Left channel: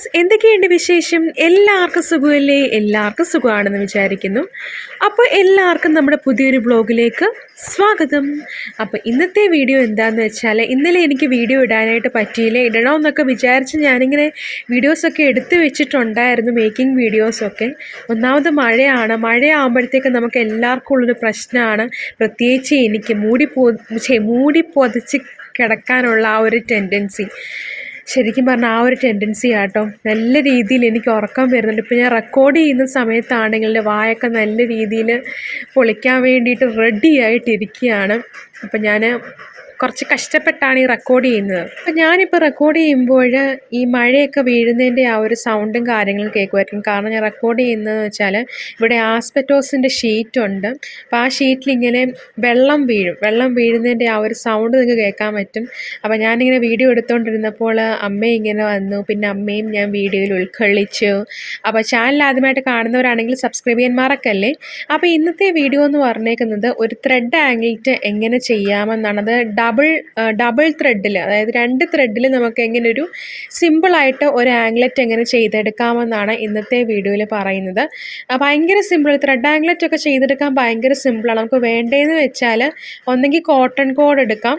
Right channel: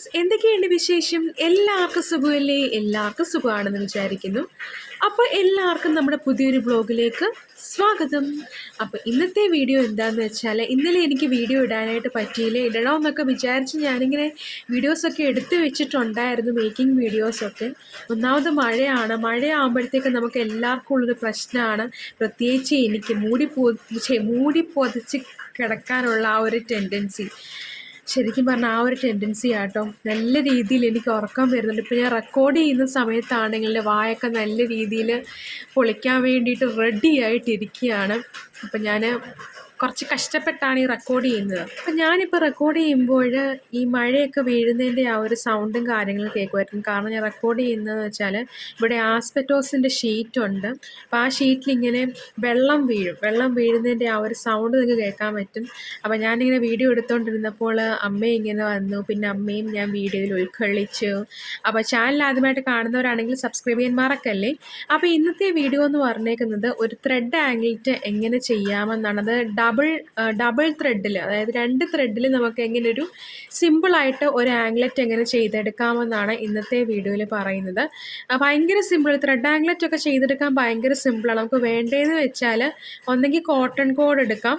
Viewers എന്തൊക്കെയുണ്ട് വിശേഷം? എല്ലാവർക്കും സുഖമല്ലേ? എല്ലാവർക്കും സുഖമാണെന്ന് വിചാരിക്കുന്നു. അപ്പോൾ എല്ലാവർക്കും നമ്മുടെ പുതിയൊരു ബ്ലോഗിലേക്ക് സ്വാഗതം. അപ്പോൾ ഇന്നത്തെ വീഡിയോ എന്താണെന്ന് വെച്ചാൽ ഇന്നലെ എനിക്ക് വീഡിയോ ഇടാനായിട്ട് പറ്റിയില്ല? ഇടണമെന്നൊക്കെ വിചാരിച്ച് ഞാനിങ്ങനെ വീഡിയോസൊക്കെ എടുത്തു വെച്ചിട്ടുണ്ടായിരുന്നു മേക്കിംഗ് വീഡിയോസൊക്കെ. ഒന്നാമത് മഴയാണ്. മഴയാകുമ്പോഴത്തേക്ക് നമുക്ക് എല്ലാവർക്കും ഉള്ളൊരു പ്രശ്നമാണ്. പ്രത്യേകിച്ച് എനിക്ക് മൂടി പോ മൂടി കിടക്കാനുള്ള ആ ഒരു ടെൻഡൻസി ശരിക്കും പറഞ്ഞാൽ ആ ഒരു ടെൻഡൻസി ആട്ടോ. നല്ല രീതിയിൽ എനിക്ക് ഉറക്കം വരുന്നുണ്ട്. ഇപ്പോൾ ഞാൻ റെക്കോർഡ് ചെയ്യുന്ന സമയത്താണെങ്കിൽ വായൊക്കെ നല്ല രീതിയിൽ പൊളിക്കാൻ വേണ്ടിയിട്ട് റെഡി ആയിട്ടിരിക്കുകയാണ്. അപ്പം ഞാൻ കുറച്ച് കഷ്ടപ്പെട്ടാണ് ഈ റെക്കോർഡ് ചെയ്യുന്നത്. അപ്പം ഞാനിപ്പോൾ റെക്കോർഡ് ചെയ്യുമ്പോൾ ഈ മഴയൊക്കെ വീഴുന്നതിന്റെ ആ ഒരു സൗണ്ടും കാര്യങ്ങളും കേൾക്കുമായിരിക്കും. കാരണം ഞാൻ റെക്കോർഡ് ചെയ്യുന്നതെന്ന് വെച്ചാൽ ഇവിടെ ആസ്പെറ്റോസിന്റെ ഷീറ്റുണ്ട് അപ്പോൾ ആ ഷീറ്റിൽ ഇങ്ങനെ വെള്ളം വീഴും. വെള്ളം വീഴുന്നതിന്റെ ആ ഒരു സൗണ്ട് നിങ്ങൾക്ക് കേൾക്കാൻ പറ്റും. അപ്പോൾ ഞാനിങ്ങനെ വീഡിയോ എടുത്തുകൊണ്ടിരുന്നപ്പോൾ അമ്മ ഇങ്ങനെ വന്നു. പിന്നെ അമ്മയും ഞാൻ വീഡിയോയിൽ ഉൾക്കൊള്ളിച്ചു. അപ്പോൾ ചാനൽ ആദ്യമായിട്ട് കാണുന്നവരാണെങ്കിൽ സബ്സ്ക്രൈബ് ചെയ്യാൻ മറക്കല്ലേ അപ്പോൾ ഇന്നത്തെ വീഡിയോ എന്ന് പറഞ്ഞേക്കുന്നത് ഒരു ത്രെഡ് ആംഗിളിറ്റ് എങ്ങനെ ചെയ്യാമെന്നാണ്. അത് ഡബിൾ ഡബിൾ ത്രെഡിൽ അതായത് രണ്ട് ത്രെഡിൽ നമുക്ക് എങ്ങനെ ഒരു സിമ്പിളായിട്ട് ഒരു ആംഗ്ലറ്റ് എങ്ങനെ ചെയ്തെടുക്കാമെന്നാണ് ഇന്നത്തെ വീഡിയോയിൽ പറയുന്നത്. ഭയങ്കര സിമ്പിൾ ത്രെഡ് ആംഗ്ലറ്റ് ഒക്കെ ചെയ്തെടുക്കാൻ ഭയങ്കര സിമ്പിളാണ് നമുക്ക് വേണ്ടതെന്ന് വെച്ചാൽ ഒന്നെങ്കിൽ കോട്ടൺ കോഡ് എടുക്കാം.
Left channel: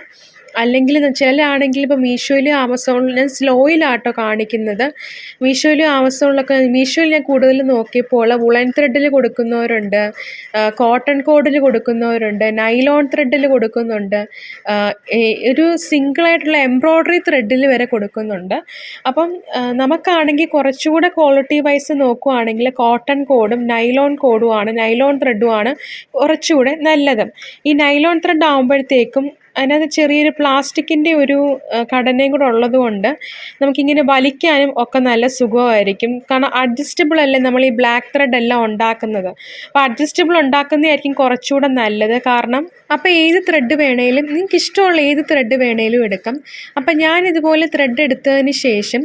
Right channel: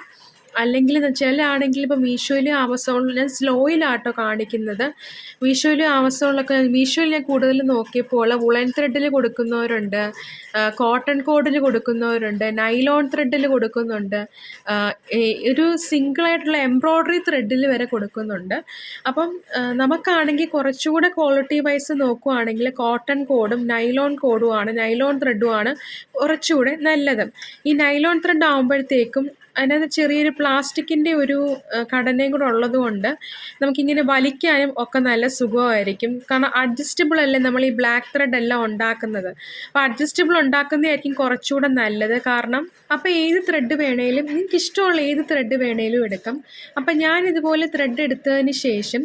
അല്ലെങ്കിൽ ചില ആണെങ്കിൽ ഇപ്പോൾ മീഷോയിലും ആമസോണിലും സ്ലോയിലാട്ടോ കാണിക്കുന്നത്. മീഷോയിലും ആമസോണിലൊക്കെ മീഷോയിൽ ഞാൻ കൂടുതൽ നോക്കിയപ്പോൾ വുളൻ ത്രെഡിൽ കൊടുക്കുന്നവരുണ്ട് കോട്ടൺ കോഡിൽ കൊടുക്കുന്നവരുണ്ട് നൈലോൺ ത്രെഡിൽ കൊടുക്കുന്നുണ്ട് ഒരു സിംഗിളായിട്ടുള്ള എംബ്രോയ്ഡറി ത്രെഡിൽ വരെ കൊടുക്കുന്നുണ്ട്. അപ്പം നമുക്കാണെങ്കിൽ കുറച്ചുകൂടെ ക്വാളിറ്റി വൈസ് നോക്കുവാണെങ്കിൽ കോട്ടൺ കോഡും നൈലോൺ കോഡുമാണ് നൈലോൺ ത്രെഡുമാണ് കുറച്ചുകൂടെ നല്ലത്. ഈ നൈലോൺ ത്രെഡ് ആകുമ്പോഴത്തേക്കും അതിനകത്ത് ചെറിയൊരു പ്ലാസ്റ്റിക്കിന്റെ ഒരു ഘടനയും കൂടെ ഉള്ളത് കൊണ്ട് നമുക്കിങ്ങനെ വലിക്കാനും ഒക്കെ നല്ല സുഖമായിരിക്കും. കാരണം അഡ്ജസ്റ്റബിൾ അല്ലേ നമ്മൾ ഈ ബ്ലാക്ക് ത്രെഡ് എല്ലാം ഉണ്ടാക്കുന്നത്. അപ്പോൾ അഡ്ജസ്റ്റബിൾ ഉണ്ടാക്കുന്നതായിരിക്കും കുറച്ചുകൂടെ നല്ലത്. കാരണം അപ്പോൾ ഏത് ത്രെഡ് വേണേലും നിങ്ങൾക്ക് ഇഷ്ടമുള്ള ഏത് ത്രെഡ് വേണേലും എടുക്കാം. അപ്പം ഞാൻ ഇതുപോലെ ത്രെഡ് എടുത്തതിന് ശേഷം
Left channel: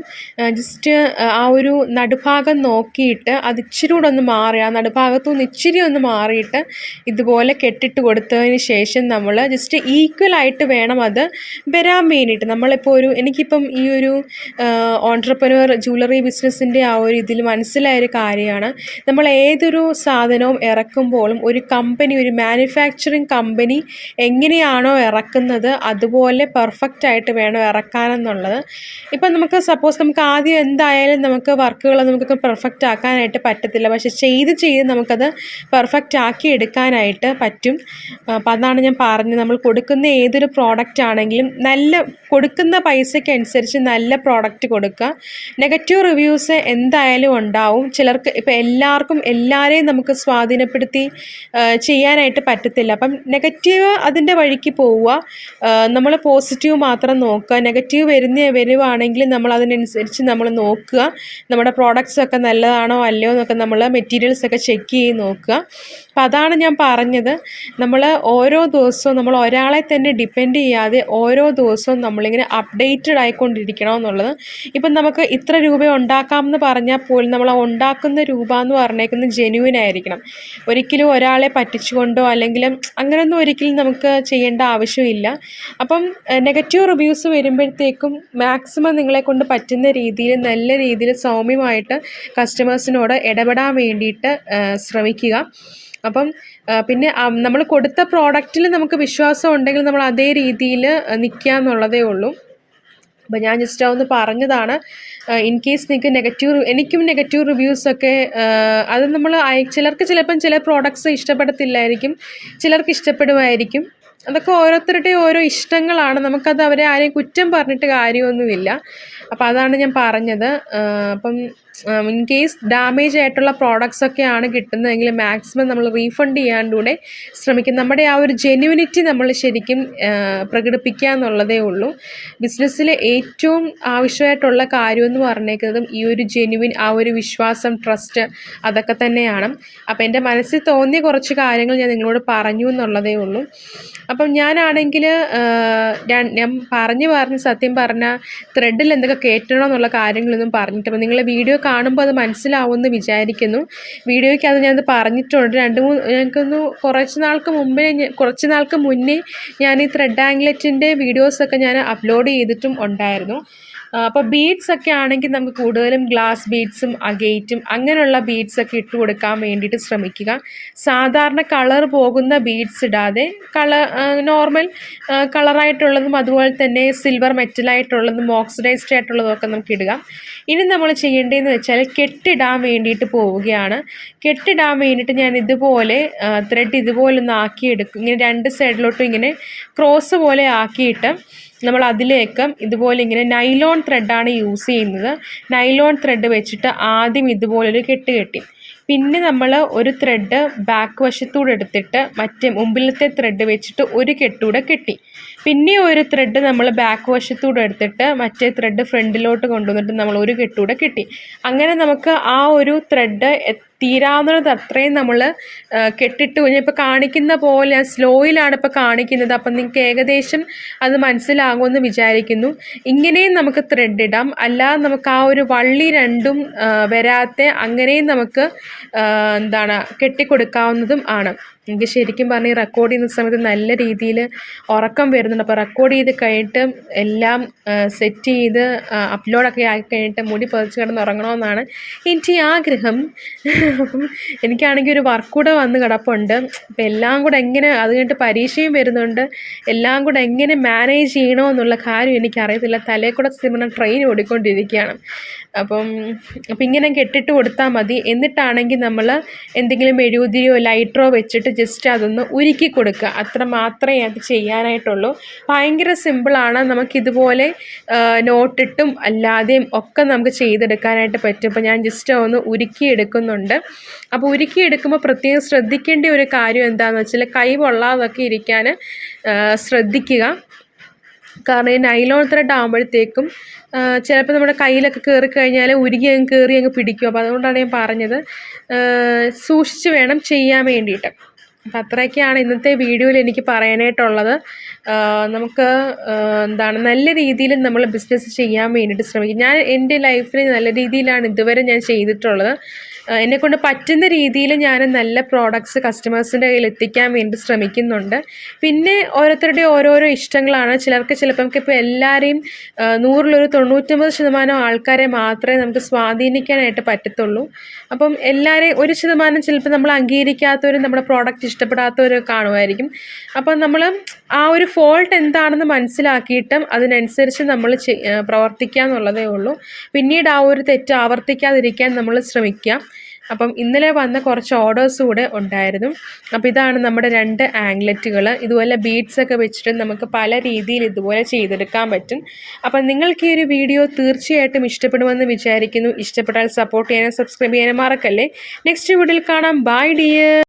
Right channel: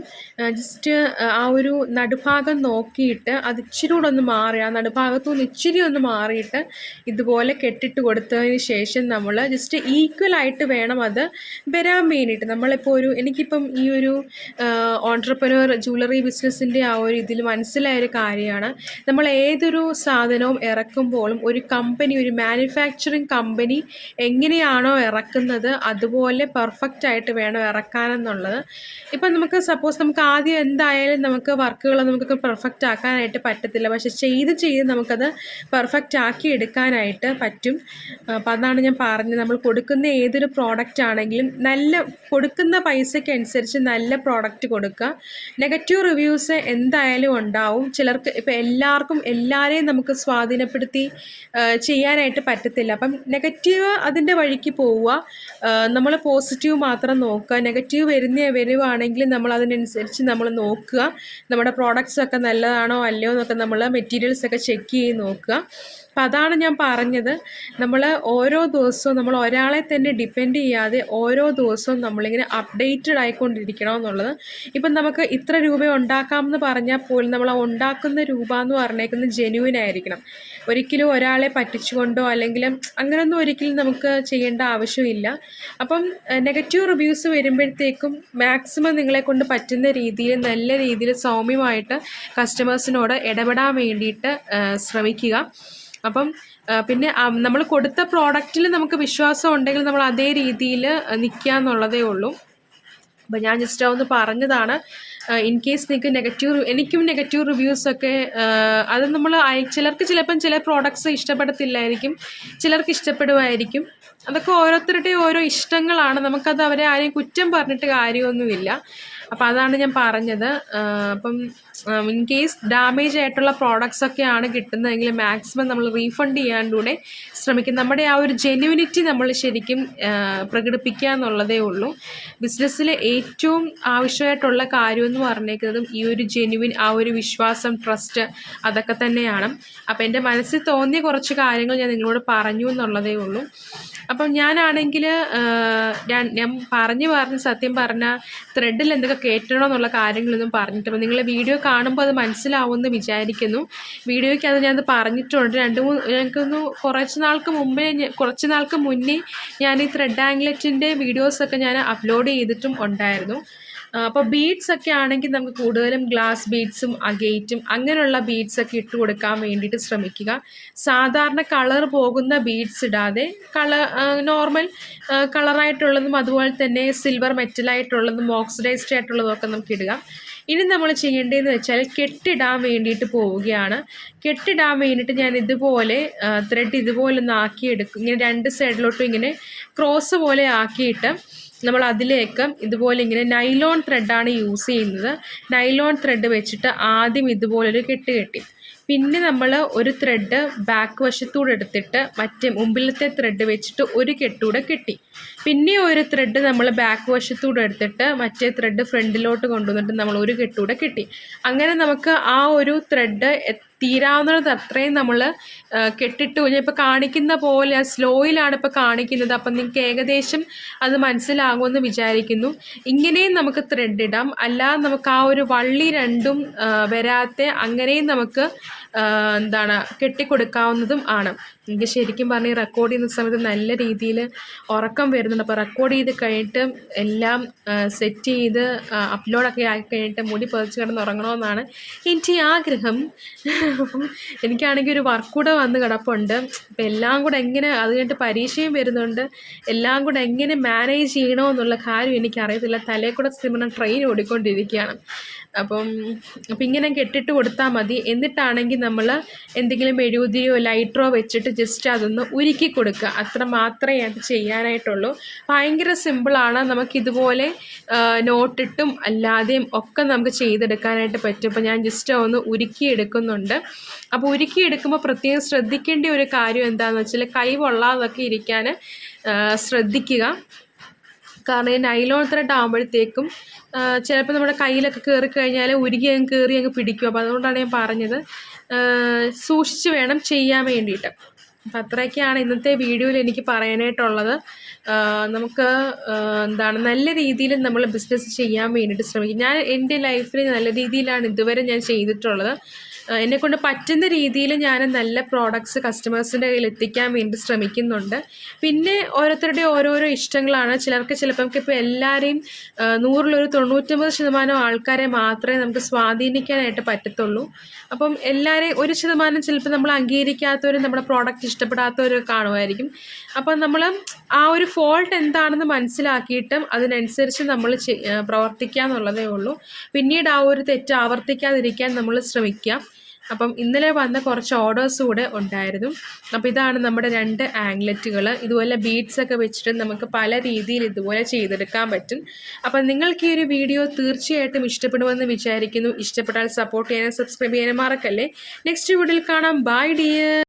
ജസ്റ്റ് ആ ഒരു നടുഭാഗം നോക്കിയിട്ട് അത് ഇച്ചിരി കൂടെ ഒന്ന് മാറി ആ നടുഭാഗത്തു നിന്ന് ഇച്ചിരി ഒന്ന് മാറിയിട്ട് ഇതുപോലെ കെട്ടിട്ട് കൊടുത്തതിന് ശേഷം നമ്മൾ ജസ്റ്റ് ഈക്വൽ ആയിട്ട് വേണം അത് വരാൻ വേണ്ടിയിട്ട്. നമ്മളിപ്പോൾ ഒരു എനിക്കിപ്പം ഈ ഒരു ഓൺട്രപ്രനർ ജ്വല്ലറി ബിസിനസ്സിന്റെ ആ ഒരു ഇതിൽ മനസ്സിലായ ഒരു കാര്യമാണ്. നമ്മൾ ഏതൊരു സാധനവും ഇറക്കുമ്പോഴും ഒരു കമ്പനി ഒരു മാനുഫാക്ചറിങ് കമ്പനി എങ്ങനെയാണോ ഇറക്കുന്നത് അതുപോലെ പെർഫെക്റ്റ് ആയിട്ട് വേണം ഇറക്കാനെന്നുള്ളത്. ഇപ്പം നമുക്ക് സപ്പോസ് നമുക്ക് ആദ്യം എന്തായാലും നമുക്ക് വർക്കുകൾ നമുക്ക് പെർഫെക്റ്റ് ആക്കാനായിട്ട് പറ്റത്തില്ല. പക്ഷെ ചെയ്ത് ചെയ്ത് നമുക്കത് പെർഫെക്റ്റ് ആക്കി എടുക്കാനായിട്ട് പറ്റും. അപ്പം അതാണ് ഞാൻ പറഞ്ഞത്. നമ്മൾ കൊടുക്കുന്ന ഏതൊരു പ്രോഡക്റ്റ് ആണെങ്കിലും നല്ല കൊടുക്കുന്ന പൈസയ്ക്ക് അനുസരിച്ച് നല്ല പ്രോഡക്റ്റ് കൊടുക്കുക. നെഗറ്റീവ് റിവ്യൂസ് എന്തായാലും ഉണ്ടാവും. ചിലർക്ക് ഇപ്പം എല്ലാവർക്കും എല്ലാവരെയും നമുക്ക് സ്വാധീനപ്പെടുത്തി ചെയ്യാനായിട്ട് പറ്റത്തില്ല. അപ്പം നെഗറ്റീവ് അതിന്റെ വഴിക്ക് പോവുക. നമ്മൾ പോസിറ്റീവ് മാത്രം നോക്കുക. നെഗറ്റീവ് വരുന്ന വരുവാണെങ്കിൽ നമ്മൾ അതിനനുസരിച്ച് നമ്മൾ നോക്കുക. നമ്മുടെ പ്രോഡക്റ്റ്സ് ഒക്കെ നല്ലതാണോ അല്ലയോ എന്നൊക്കെ നമ്മൾ മെറ്റീരിയൽസ് ഒക്കെ ചെക്ക് ചെയ്ത് നോക്കുക. അപ്പം അതാണ് ഞാൻ പറഞ്ഞത്. നമ്മൾ ഓരോ ദിവസവും നമ്മൾ ഒരാളെ തന്നെ ഡിപ്പെൻഡ് ചെയ്യാതെ ഓരോ ദിവസവും നമ്മളിങ്ങനെ അപ്ഡേറ്റഡ് ആയിക്കൊണ്ടിരിക്കണം എന്നുള്ളത്. ഇപ്പം നമുക്ക് ഇത്ര രൂപ ഉണ്ടാക്കാമെന്ന് പറഞ്ഞാൽ പോലും നമ്മൾ ഉണ്ടാക്കുന്ന രൂപ എന്ന് പറഞ്ഞേക്കുന്നത് ജെന്യൂൻ ആയിരിക്കണം. ഒരിക്കലും ഒരാളെ പറ്റിച്ചുകൊണ്ടോ അല്ലെങ്കിൽ അങ്ങനെയൊന്നും ഒരിക്കലും നമുക്ക് ചെയ്യേണ്ട ആവശ്യമില്ല. അപ്പം നെഗറ്റീവ് റിവ്യൂസ് വരുമ്പോഴത്തേക്കും മാക്സിമം നിങ്ങളെ കൊണ്ട് പറ്റുന്ന രീതിയിൽ നല്ല രീതിയിൽ സൗമ്യമായിട്ട് കസ്റ്റമേഴ്സിനോട് ഇടപെടാൻ വേണ്ടിയിട്ട് ശ്രമിക്കുക. അപ്പം പിന്നെ നമ്മൾ കൊടുത്ത പ്രോഡക്റ്റിൽ നമുക്ക് വിശ്വാസം ഉണ്ടെങ്കിൽ നമ്മൾ അതേ രീതിയിൽ നിൽക്കുക എന്നുള്ളതേ ഉള്ളൂ. അപ്പം ഞാൻ ജസ്റ്റ് ഒന്ന് പറഞ്ഞതാണ്. ഇൻ കേസ് നിങ്ങൾക്ക് നെഗറ്റീവ് എനിക്കും നെഗറ്റീവ് റിവ്യൂസൊക്കെ അത് നമ്മൾ ചിലർക്ക് ചിലപ്പം ചില പ്രോഡക്ട്സ് ഇഷ്ടപ്പെടത്തില്ലായിരിക്കും ചിലർക്ക് ഇഷ്ടപ്പെടുമായിരിക്കും. അതൊക്കെ ഓരോരുത്തരുടെയും ഓരോ ഇഷ്ടങ്ങളാണ്. നമുക്കത് അവരെ ആരെയും കുറ്റം പറഞ്ഞിട്ട് കാര്യമൊന്നുമില്ല. അപ്പോൾ അതാണ് ഞാൻ പറഞ്ഞത്. അപ്പം ഇൻ കേസ് ഡാമേജ് ആയിട്ടുള്ള പ്രോഡക്ട്സ് ഒക്കെയാണ് കിട്ടുന്നതെങ്കിൽ മാക്സിമം നമ്മൾ റീഫണ്ട് ചെയ്യാണ്ടൂടെ ശ്രമിക്കും. നമ്മുടെ ആ ഒരു ജെന്യൂനിറ്റി നമ്മൾ ശരിക്കും പ്രകടിപ്പിക്കുക എന്നുള്ളതേ ഉള്ളൂ. ബിസിനസ്സിലെ ഏറ്റവും ആവശ്യമായിട്ടുള്ള കാര്യമെന്ന് പറഞ്ഞേക്കുന്നതും ഈ ഒരു ജെന്യുവിൻ ആ ഒരു വിശ്വാസം ട്രസ്റ്റ് അതൊക്കെ തന്നെയാണ്. അപ്പോൾ എന്റെ മനസ്സിൽ തോന്നിയ കുറച്ച് കാര്യങ്ങൾ ഞാൻ നിങ്ങളോട് പറഞ്ഞു എന്നുള്ളതേ ഉള്ളൂ. അപ്പം ഞാനാണെങ്കിൽ ഞാൻ പറഞ്ഞു പറഞ്ഞ് സത്യം പറഞ്ഞ ത്രെഡിൽ എന്തൊക്കെ കയറ്റണം എന്നുള്ള കാര്യങ്ങളൊന്നും പറഞ്ഞിട്ടില്ല. നിങ്ങളെ വീഡിയോ കാണുമ്പോൾ അത് മനസ്സിലാവുമെന്ന് വിചാരിക്കുന്നു. വീഡിയോയ്ക്ക് അത് ഞാനത് പറഞ്ഞിട്ടുണ്ട്. രണ്ട് മൂന്ന് ഞങ്ങൾക്കൊന്ന് കുറച്ച് നാൾക്ക് മുമ്പേ കുറച്ച് നാൾക്ക് മുന്നേ ഞാൻ ഈ ത്രെഡ് ആംഗ്ലറ്റിന്റെ വീഡിയോസൊക്കെ ഞാൻ അപ്ലോഡ് ചെയ്തിട്ടും ഉണ്ടായിരുന്നു. അപ്പോൾ ബീഡ്സ് ഒക്കെ ആണെങ്കിൽ നമുക്ക് കൂടുതലും ഗ്ലാസ് ബീഡ്സും അഗേറ്റും അങ്ങനെയുള്ള ബീഡ്സ് ഒക്കെ ഇട്ട് കൊടുക്കാൻ വേണ്ടിയിട്ട് ശ്രമിക്കുക. സാധാരണ കളർ പോകുന്ന ബീഡ്സ് ഇടാതെ കളർ നോർമൽ കളറായിട്ടുള്ളതും അതുപോലെ തന്നെ സിൽവർ മെറ്റലായിട്ടുള്ളതും ഓക്സിഡൈസ്ഡ് ആയിട്ടുള്ളതും ഒക്കെ നമുക്ക് ഇടുക. ഇനി നമ്മൾ ചെയ്യേണ്ടതെന്ന് വെച്ചാൽ കെട്ടിടാൻ വേണ്ടിയിട്ട് പോവുകയാണ്. കെട്ടിടാൻ വേണ്ടിയിട്ട് ഞാൻ ഇതുപോലെ ത്രെഡ് ഇതുപോലെ ഒന്ന് ആക്കിയെടുക്കും. ഇങ്ങനെ രണ്ട് സൈഡിലോട്ടും ഇങ്ങനെ ക്രോസ് പോലെ ആക്കിയിട്ട് നമ്മൾ അതിലേക്ക് ഇതുപോലെ ഇങ്ങനെ നൈലോൺ ത്രെഡാണ് യൂസ് ചെയ്യുന്നത്. നൈലോൺ ത്രെഡ് വെച്ചിട്ട് ആദ്യം ഇതുപോലൊരു കെട്ട് കെട്ടി. പിന്നെ നമ്മൾ ഒരു ത്രെഡ് ബാക്ക് വശത്തൂടെ എടുത്തിട്ട് മറ്റേ മുമ്പിലത്തെ ത്രെഡ് വെച്ചിട്ട് ഒരു കെട്ടൂടെ കെട്ടി. പിന്നെ ഒരു ത്രെഡ് നമ്മൾ ബാക്ക് വശത്തൂടെ എടുത്തിട്ട് മറ്റേ ത്രെഡ് ഫ്രണ്ടിലോട്ട് കൊണ്ടുവന്നിട്ട് നമ്മൾ ഒരു കെട്ടൂടെ കെട്ടി. അങ്ങനെ നമുക്ക് ആ ഒരു ത്രെഡ് തീരാവുന്നത് അത്രയും നമ്മൾ കെട്ടിട്ട് കഴിഞ്ഞാൽ ഇപ്പോൾ കാണിക്കുന്ന പോലെ സ്ലോയിലാണ് ഇപ്പോൾ കാണിക്കുന്നത്. അപ്പം നിങ്ങൾക്ക് ഏകദേശം അത് മനസ്സിലാകുമെന്ന് വിചാരിക്കുന്നു. ഇങ്ങനെയും നമുക്ക് ത്രെഡ് ഇടാം. അല്ലാതെ നമുക്ക് ആ ഒരു വള്ളി രണ്ടും വരാത്ത അങ്ങനെയും നമുക്ക് എന്താണ് കെട്ടിക്കൊടുക്കാവുന്നതും ആണ്. എനിക്ക് ശരിക്കും പറഞ്ഞാൽ റെക്കോർഡ് ചെയ്യുന്ന സമയത്ത് നല്ല രീതിയിൽ ഉറക്കം വരുന്നുണ്ട്. അപ്പോൾ റെക്കോർഡ് ചെയ്ത് കഴിഞ്ഞിട്ട് എല്ലാം സെറ്റ് ചെയ്ത് അപ്ലോഡൊക്കെ ആക്കി കഴിഞ്ഞിട്ട് മുടി പതിച്ച് കിടന്ന് ഉറങ്ങണമെന്നാണ് എനിക്ക് ആഗ്രഹം. എനിക്കാണെങ്കിൽ ഒരു വർക്ക് കൂടെ വന്ന് കിടപ്പുണ്ട്. അപ്പം എല്ലാം കൂടെ എങ്ങനെ അത് കഴിഞ്ഞിട്ട് പരീക്ഷയും വരുന്നുണ്ട്. എല്ലാം കൂടെ എങ്ങനെ മാനേജ് ചെയ്യണമെന്നുള്ള കാര്യം എനിക്കറിയത്തില്ല. തലയിൽ കൂടെ ട്രെയിൻ ഓടിക്കൊണ്ടിരിക്കുകയാണ്. അപ്പം അപ്പം ഇങ്ങനെ കെട്ടിട്ട് കൊടുത്താൽ മതി. എന്നിട്ടാണെങ്കിൽ നമ്മൾ എന്തെങ്കിലും മെഴുകുതിരിയോ ലൈറ്ററോ വെച്ചിട്ട് ജസ്റ്റ് അതൊന്ന് ഉരുക്കി കൊടുക്കുക. അത്ര മാത്രമേ അത് ചെയ്യാനായിട്ടുള്ളൂ. ഭയങ്കര സിമ്പിളാണ് നമുക്കിതുപോലെ നോട്ടിട്ടും അല്ലാതെയും ഒക്കെ നമുക്ക് ചെയ്തെടുക്കാനായിട്ട് പറ്റും. അപ്പോൾ ഞാൻ ജസ്റ്റ് ഒന്ന് ഉരുക്കി എടുക്കുന്നുണ്ട്. അപ്പോൾ ഉരുക്കി എടുക്കുമ്പോൾ പ്രത്യേകം ശ്രദ്ധിക്കേണ്ട ഒരു കാര്യം എന്താണെന്ന് വെച്ചാൽ കൈ പൊള്ളാതൊക്കെ ഇരിക്കാൻ ശ്രദ്ധിക്കുക. കാരണം ഈ നൈലോൺ ത്രെഡ് ആകുമ്പോഴത്തേക്കും ചിലപ്പോൾ നമ്മുടെ കയ്യിലൊക്കെ കയറി കഴിഞ്ഞാൽ ഉരുകി അങ്ങ് കയറി അങ്ങ് പിടിക്കും. അപ്പോൾ അതുകൊണ്ടാണ് ഞാൻ പറഞ്ഞത്. സൂക്ഷിച്ച് വേണം ചെയ്യാൻ വേണ്ടിയിട്ട്. അപ്പം അത്രയൊക്കെയാണ് ഇന്നത്തെ വീഡിയോയിൽ എനിക്ക് പറയാനായിട്ടുള്ളത്. നമുക്ക് എന്താണ് നല്ല രീതിയിൽ നമ്മൾ ബിസിനസ് ചെയ്യാൻ വേണ്ടിയിട്ട് ശ്രമിക്കും. ഞാൻ എന്റെ ലൈഫിൽ നല്ല രീതിയിലാണ് ഇതുവരെ ഞാൻ ചെയ്തിട്ടുള്ളത്. എന്നെക്കൊണ്ട് പറ്റുന്ന രീതിയിൽ ഞാൻ നല്ല പ്രോഡക്റ്റ്സ് കസ്റ്റമേഴ്സിന്റെ കയ്യിൽ എത്തിക്കാൻ വേണ്ടി ശ്രമിക്കുന്നുണ്ട്. പിന്നെ ഓരോരുത്തരുടെ ഓരോരോ ഇഷ്ടങ്ങളാണ്. ചിലർക്ക് ചിലപ്പോൾ ഇപ്പോൾ എല്ലാവരെയും നൂറിലൊരു തൊണ്ണൂറ്റൊമ്പത് ശതമാനം ആൾക്കാരെ മാത്രമേ നമുക്ക് സ്വാധീനിക്കാനായിട്ട് പറ്റത്തുള്ളൂ. അപ്പം എല്ലാവരെയും ഒരു ശതമാനം ചിലപ്പോൾ നമ്മൾ അംഗീകരിക്കാത്തവരും നമ്മുടെ പ്രോഡക്റ്റ് ഇഷ്ടപ്പെടാത്തവരും കാണുമായിരിക്കും. അപ്പം നമ്മൾ ആ ഒരു ഫോൾട്ട് എന്താണെന്ന് മനസ്സിലാക്കിയിട്ടും അതിനനുസരിച്ച് നമ്മൾ പ്രവർത്തിക്കുക എന്നുള്ളതേ ഉള്ളൂ. പിന്നീട് ആ ഒരു തെറ്റ് ആവർത്തിക്കാതിരിക്കാൻ നമ്മൾ ശ്രമിക്കുക. അപ്പം ഇന്നലെ വന്ന കുറച്ച് ഓർഡേഴ്സ് കൂടെ ഉണ്ടായിരുന്നു. അപ്പോൾ ഇതാണ് നമ്മുടെ രണ്ട് ആംഗ്ലറ്റുകൾ ഇതുപോലെ ബീഡ്സ് ഒക്കെ വെച്ചിട്ട് നമുക്ക് പല രീതിയിൽ ഇതുപോലെ ചെയ്തെടുക്കാൻ പറ്റും. അപ്പം നിങ്ങൾക്ക് ഈ ഒരു വീഡിയോ തീർച്ചയായിട്ടും ഇഷ്ടപ്പെടുമെന്ന് വിചാരിക്കുന്നു. ഇഷ്ടപ്പെട്ടാൽ സപ്പോർട്ട് ചെയ്യാനും സബ്സ്ക്രൈബ് ചെയ്യാനും മറക്കല്ലേ. നെക്സ്റ്റ് വീഡിയോയിൽ കാണാം. By dear